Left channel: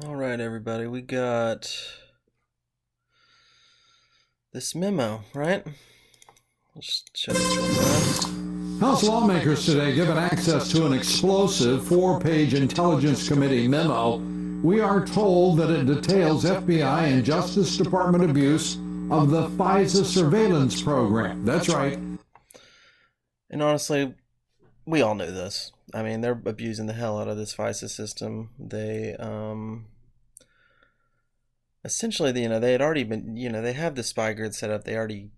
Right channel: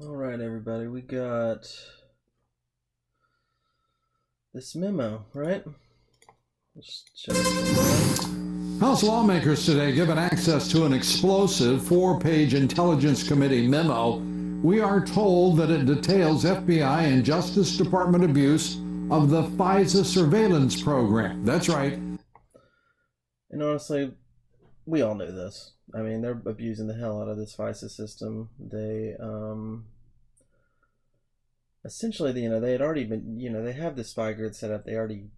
All right, everybody, we got this memo, right? Let's show this real quick. House lawmakers today given access to an explosive four-page Intelligence Committee memo. We are told that it details FBI and Justice Department abuse of the FISA surveillance program. That's right. And honestly, we all knew this. I mean, they're abusing the hell out of this FISA system. They, essentially, they had already been, they have the spy grid set up. They already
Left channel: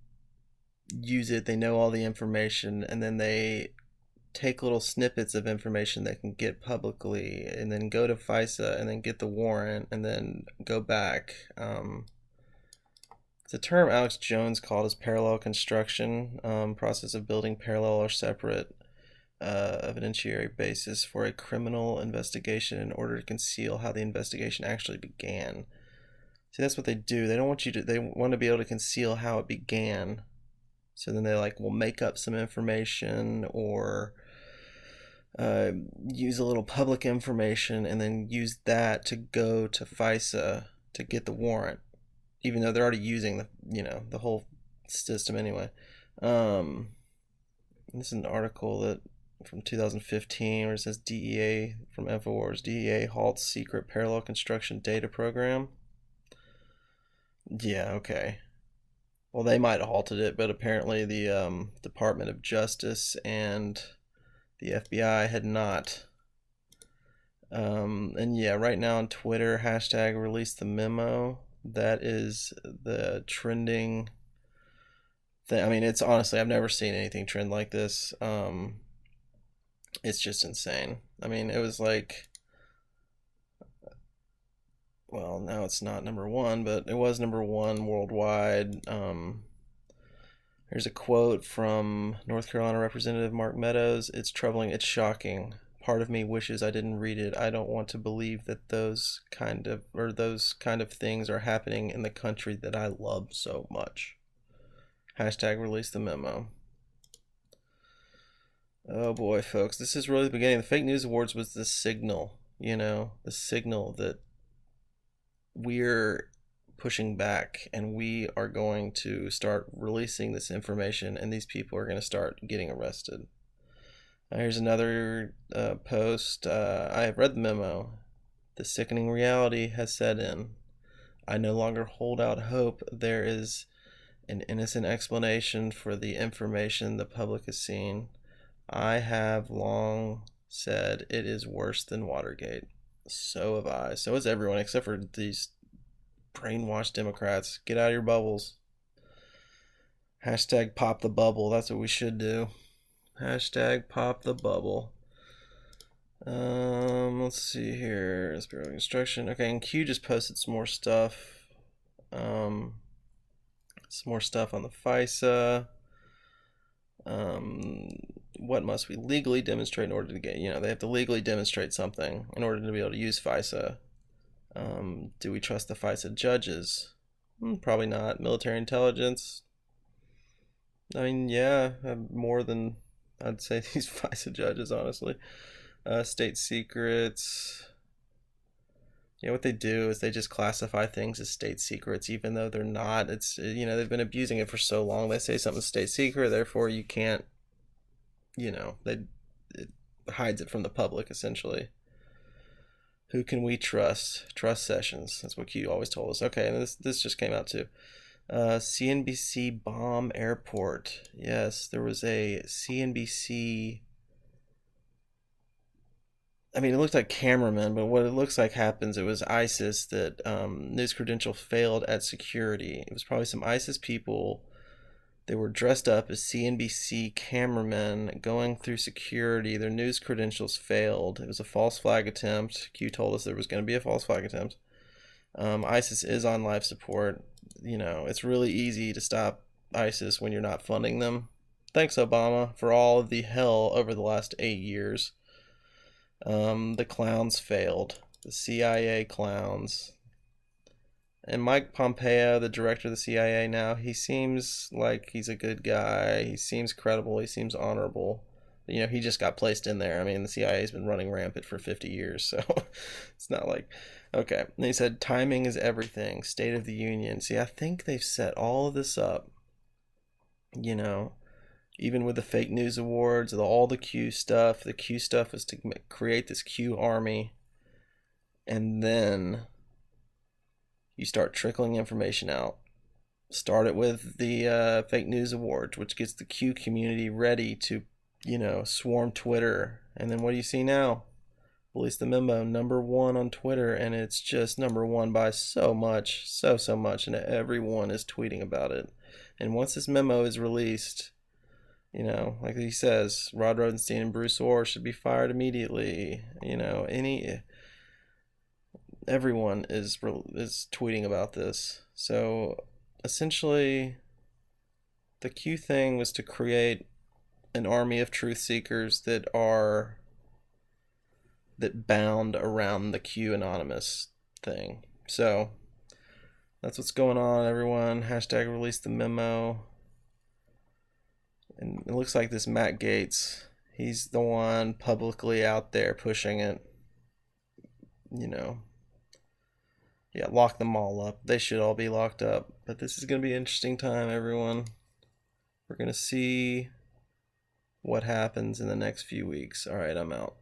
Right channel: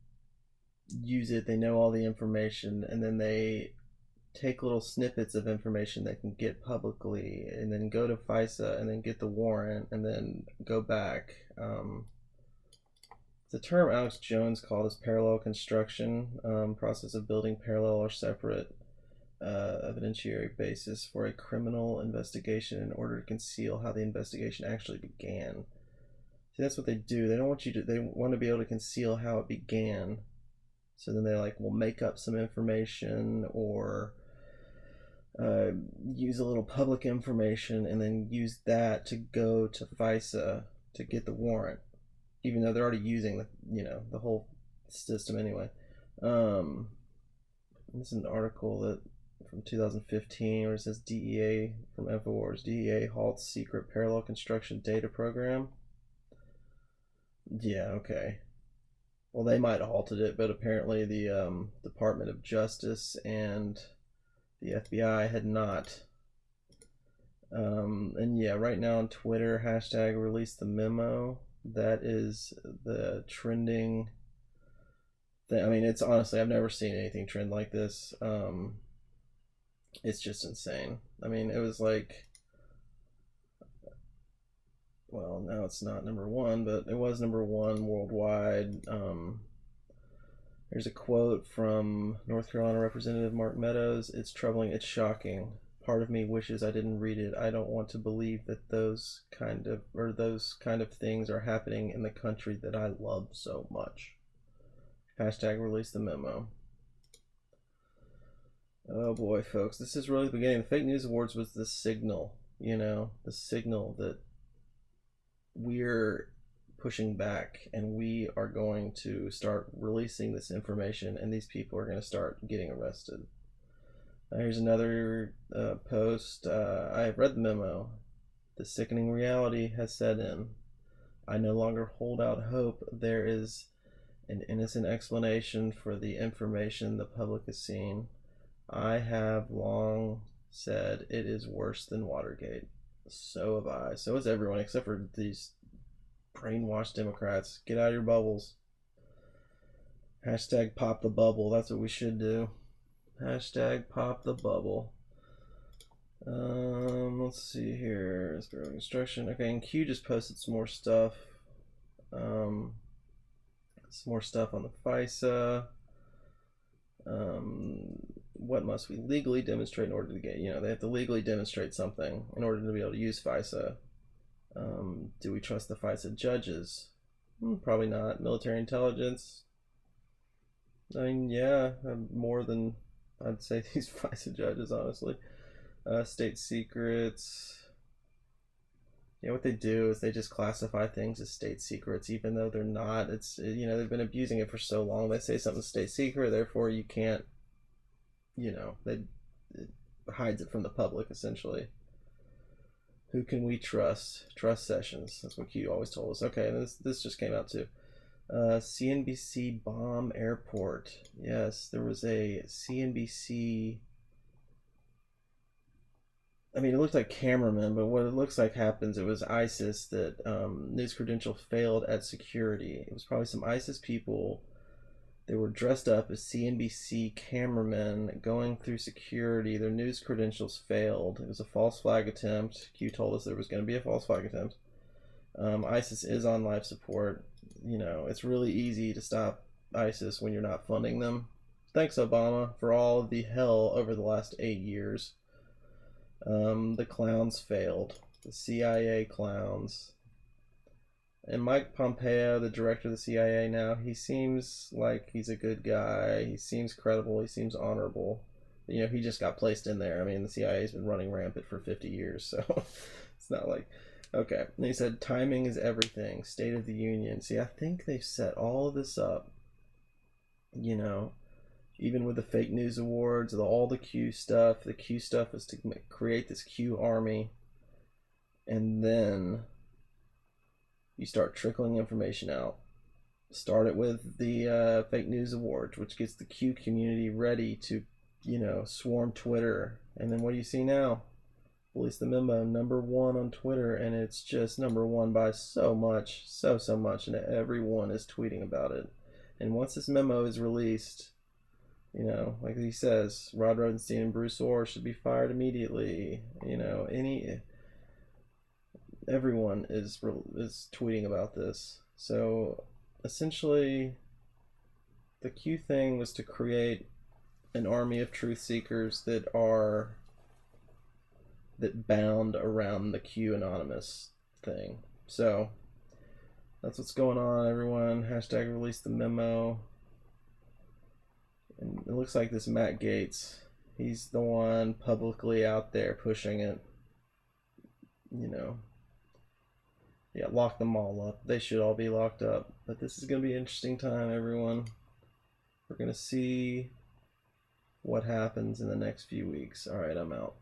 use it. They know all the information, and then they take little snippets of information that can get publicly, and then go to FISA, and then get the warrant, and then go back. It's a term Alex Jones called as parallel construction, process of building parallel or separate evidentiary basis for a criminal investigation in order to conceal how the investigation actually began. See, that's what they do. They don't want you to. They want to be able to conceal how it began. So then they will make up some information or use a little public information and then use that to go to FISA to get the warrant, even though they're already using the whole system anyway. This is an article that from 2015 where it says DEA from InfoWars, DEA halts secret parallel construction data program. Yeah, okay. Well, they might have halted it, but apparently the Department of Justice and the FBI had not. And yeah, right now on Twitter, hashtag Releasethememo. That is the trending thing. I mean, it's honestly, I've never seen anything trend like this. It's just insane. I mean, it was well, now it's not number one, but it was number one worldwide. There's a quote from North Carolina Representative Mark Meadows. It's troubling. It's shocking. Part of me wishes I didn't read it. I don't want to believe that those kind of things are happening in the country that I love so much. Hashtag release the memo. Oh boy, folks, this is really the beginning. The fake news awards was the signal, the signal that we're pushing back and we are going to start releasing this information and these people are going to start getting arrested. Here's another post. I have read the memo. The sickening reality has set in. I no longer hold out hope there is an innocent explanation for the information the public has seen. I have long said it is worse than Watergate. So have I. So has everyone except for these brainwashed Democrats. Get out of your bubbles. Hashtag pop the bubble. That's what we should do. Hashtag pop the bubble. Let's see here. Spirit of Construction. Okay, and Q just posted some more stuff. Some more stuff on the FISA. What must we legally demonstrate in order to get, they have to legally demonstrate something in order to be able to use FISA. Do we trust the FISA judges? Probably not. Military intelligence. I mean, yeah, more than I'd say these FISA judges, honestly. State secrets. Yeah, what they do is they just classify things as state secrets, even though they're not. It's, they've been abusing it for so long. They say something's state secret, therefore you can't, it hides it from the public, essentially. Who can we trust? Trust Sessions. That's what Q always told us. Okay, and this just came out too. CNBC bomb airport. Yes, there was a CNBC. I mean, it looked like cameramen, but what it looks like happens, it was ISIS that news credential failed at security. It was probably some ISIS people. They were dressed up as CNBC cameramen going through security. Their news credentials failed. It was a false flag attempt. Q told us there was going to be a false flag attempt. ISIS is on life support. It's really easy to stop ISIS when you're not funding them. Thanks, Obama, for all of the hell over the last 8 years. The clowns failed. The CIA clowns. And Mike Pompeo, the director of the CIA now, he seems like he's a good guy. He seems credible. He seems honorable. He just got placed in there. I mean, the CIA's been running rampant for 50 years, so it's not like Okay. And he said, timing is everything. State of the Union. See, I think they've set all of this up, you know, even with the fake news awards, all the Q stuff. The Q stuff is to create this Q army. And then you start trickling information out. Start it with the fake news awards, which gets the Q community ready to, swarm Twitter. And then what do you see now? Release the memo, #1 on Twitter, and it's just #1 by so much, so much, and everyone is tweeting about it. And once this memo is released, like he says, Rod Rosenstein and Bruce Orr should be fired immediately. Everyone is tweeting about this. So essentially, the Q thing was to create an army of truth seekers that bound around the Q anonymous thing. So that's what's going on, everyone. Hashtag release the memo. And it looks like this Matt Gaetz, he's the one publicly out there pushing it. Yeah, lock them all up. They should all be locked up. But this is going to be an interesting time, everyone. We're going to see what happens in the next few weeks. All right, I'm out.